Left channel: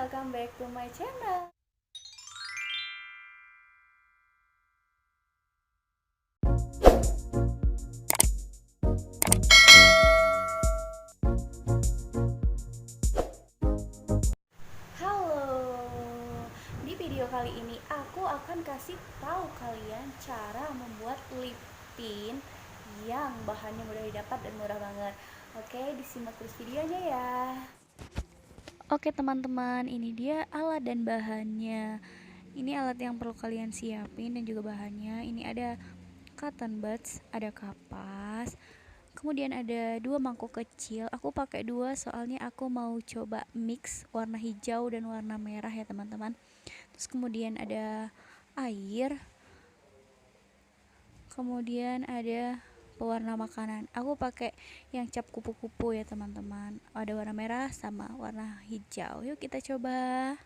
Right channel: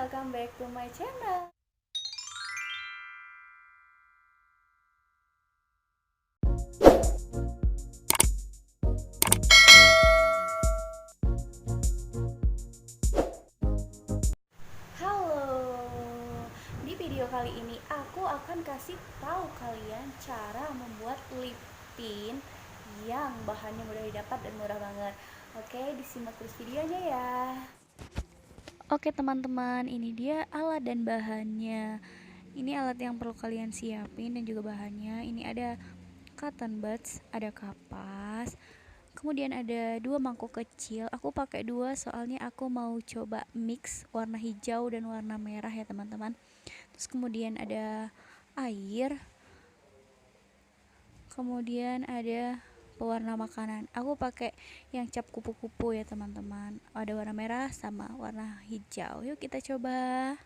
welcome back to my channel. Halo, di video kali ini aku akan kasih tahu kalian cara membuat lip tint yang bahannya mudah didapat dan murah banget. Oke, disimak terus videonya ya. Oke teman-teman, ini dia alat dan bahannya. Ini alat yang perlu kalian siapin dan juga bahannya. Ini ada cotton buds, ada kapas, kemudian ada 2 mangkok kecil. Aku pakai 2 soalnya aku mau coba mix warna hijau dan warna merah ya teman-teman. Terus kemudian ada air, kemudian ada pewarna makanan. Aku pakai yang cap kupu-kupu ya teman-teman. Ada warna merah sama warna hijau. Yuk kita coba.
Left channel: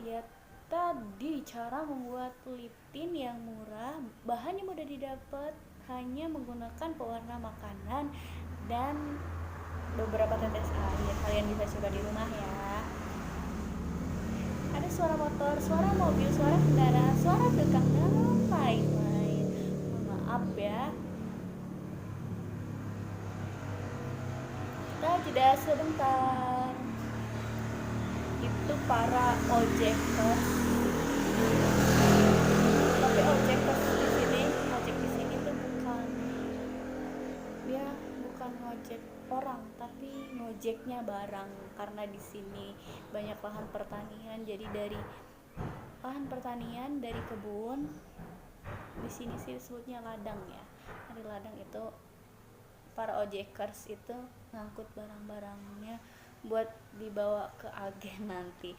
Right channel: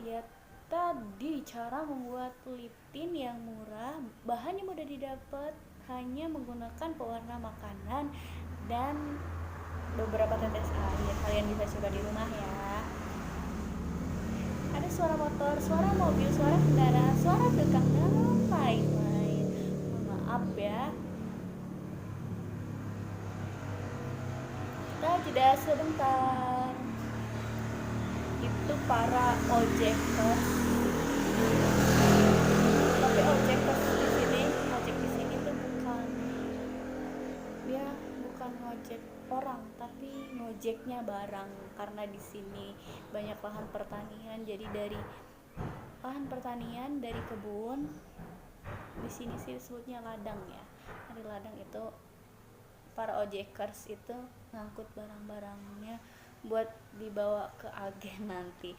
dia tadi cara membuat lip tint yang murah, bahannya mudah didapat, hanya menggunakan pewarna makanan dan beberapa tetes air. Kalian bisa coba di rumah ya. Ada suara motor, suara mobil, suara kendaraan, suara tukang dan lain-lain. Maaf ya. Kita jeda sebentar. Itu para ojekers. Tapi ojekers di sini, ojek di sini tuh bukan ngojek orang, tapi ngojeknya barang. Karena di sini banyak lahan pertanian, jadi dari lahan pertanian, dari kebun, di sini sih disebutnya ladang ya. Dari ladang itu para ojekers itu ngangkut barang-barangnya buat dibawa ke agen nanti.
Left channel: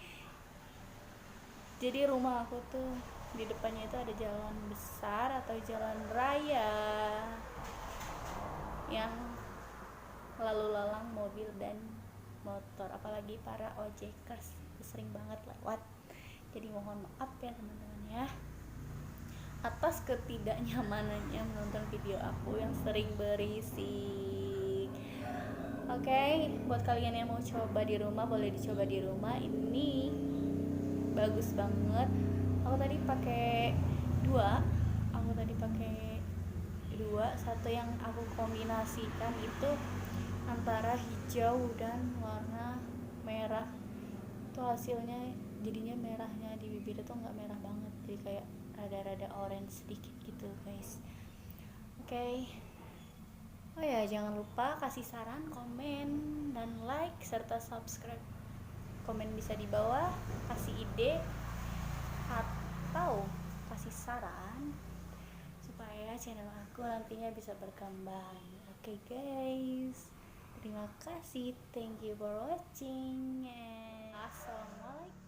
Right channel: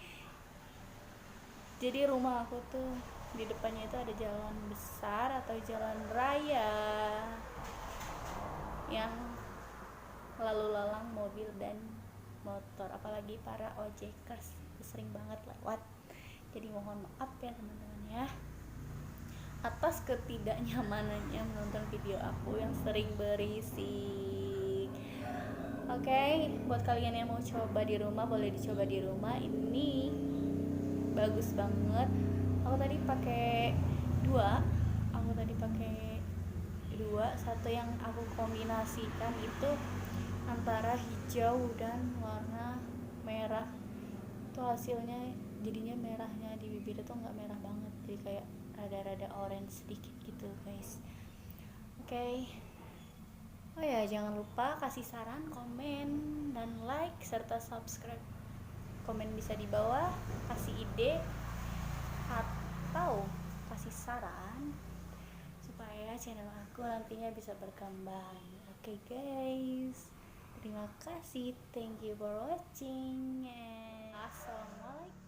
Jadi rumah aku tuh di depannya itu ada jalan besar atau jalan raya yang lalu lalang mobil dan motor, apalagi para ojekers sering banget lewat. Jadi mohon maaf ya teman-teman ya atas ketidaknyamanannya menonton video aku yang sering berisik. Oke, buat kalian yang mau coba di rumah, boleh dicoba di rumah. Ini bagus banget. Aku tadi pakai dua. Satu yang aku kombinasikan itu antara hijau dan warna merah. Itu hasilnya jadinya merahnya di bibir itu nggak merah banget, jadi kayak rada-rada orange sedikit gitu guys. Oke. Oh ya, jangan lupa kasih saran, komen, dan like, serta subscribe. Komen bisa di bawah, kasih ide, atau kasih saran supaya channel aku nantinya bisa berkembang. Oke guys, terima kasih, thank you for watching, and assalamualaikum.